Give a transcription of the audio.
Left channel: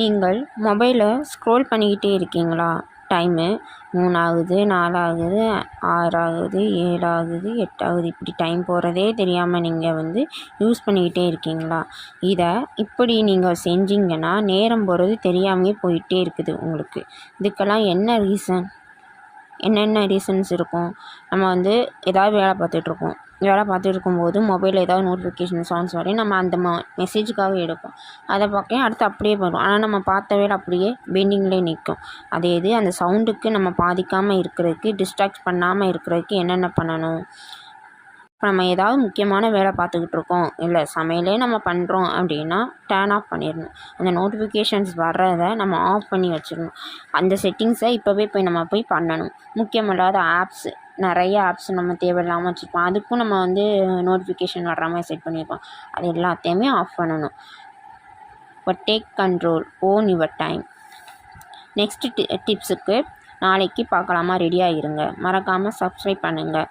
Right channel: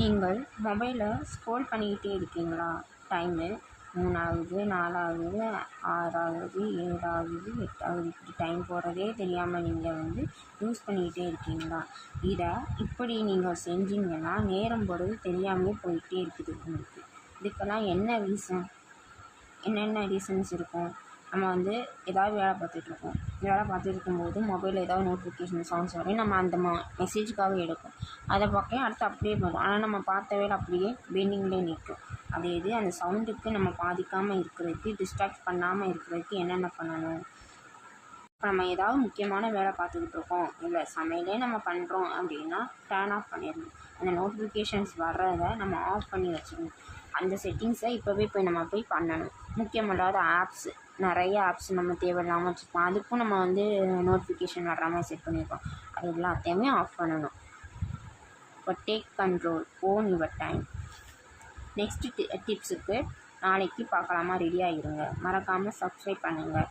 நீங்கள் மொபைலை ஸ்க்ரோல் பண்ணிக்கிட்டே இருக்கீங்களா? டைமு 3 ஆகுது, 4 ஆகுது, 6 ஆகுது, 7 ஆகுது, 8 ஆகுது. இப்படி டைம் போகிறதே தெரியாமல் நீங்கள் யூஸ் பண்ணிக்கிட்டே இருக்கீங்களா? இதை இப்படி நீங்கள் செஞ்சீங்கன்னா நேரம் போகிறது தெரியாமையே போயிட்டே இருக்குது உங்களுக்கு. இதுக்கெல்லாம் என்ன ரீசன்? என்னென்ன ரீசன்ஸ் இருக்கும்? நம்ம ஏதாவது வேலை பார்த்துட்ருப்போம். வேலை பார்த்துட்டு இருக்கும்போது மொபைலில் ஏதாவது நோட்டிஃபிகேஷன் சவுண்ட்ஸ் வரையும் நம்ம அந்த மெசேஜுக்காக எடுப்போம். அதை பார்க்க அடுத்து அப்படியே போயிடும். ஆனால் நம்ம பார்த்த வேலை அப்படியே பெண்டிங்லேயே நிற்கும். அதே இது அந்த சவுண்டுக்கு நம்ம பாதிக்காமல் இருக்கிறதுக்கு, டிஸ்ட்ராக்ட் பண்ணாமல் இருக்கிறதுக்கு என்னென்ன பண்ணணும்? இப்போ நம்ம ஏதாவது முக்கியமான வேலை பார்த்துக்கிட்டு இருக்கோம், இல்லை சமையலே நம்ம பண்ணுறோம் அப்படின்னா டர்ன் ஆஃப் பண்ணிடணும். அந்த நோட்டிஃபிகேஷன்ஸ் வர்றதை நம்ம ஆஃப் பண்ணி வச்சிடணும். அந்த செட்டிங்ஸை இப்போவே நம்ம போய் பண்ணணும். முக்கியமில்லாத ஆப்ஸு, நிறைய ஆப்ஸ் நம்ம தேவையில்லாமல் வச்சுருப்போம். அதுக்கும் நம்ம நோட்டிஃபிகேஷன் வர்ற மாதிரி செட் பண்ணியிருப்போம். அது எல்லாத்தையுமே ஆஃப் பண்ணணும். இப்போ take control, own your time. Next டிப்ஸுக்கு நாளைக்கு பார்க்கலாமா? ரெடியாக இருங்க. மறக்காமல் சப்ஸ்கிரைப் பண்ணுங்கள்.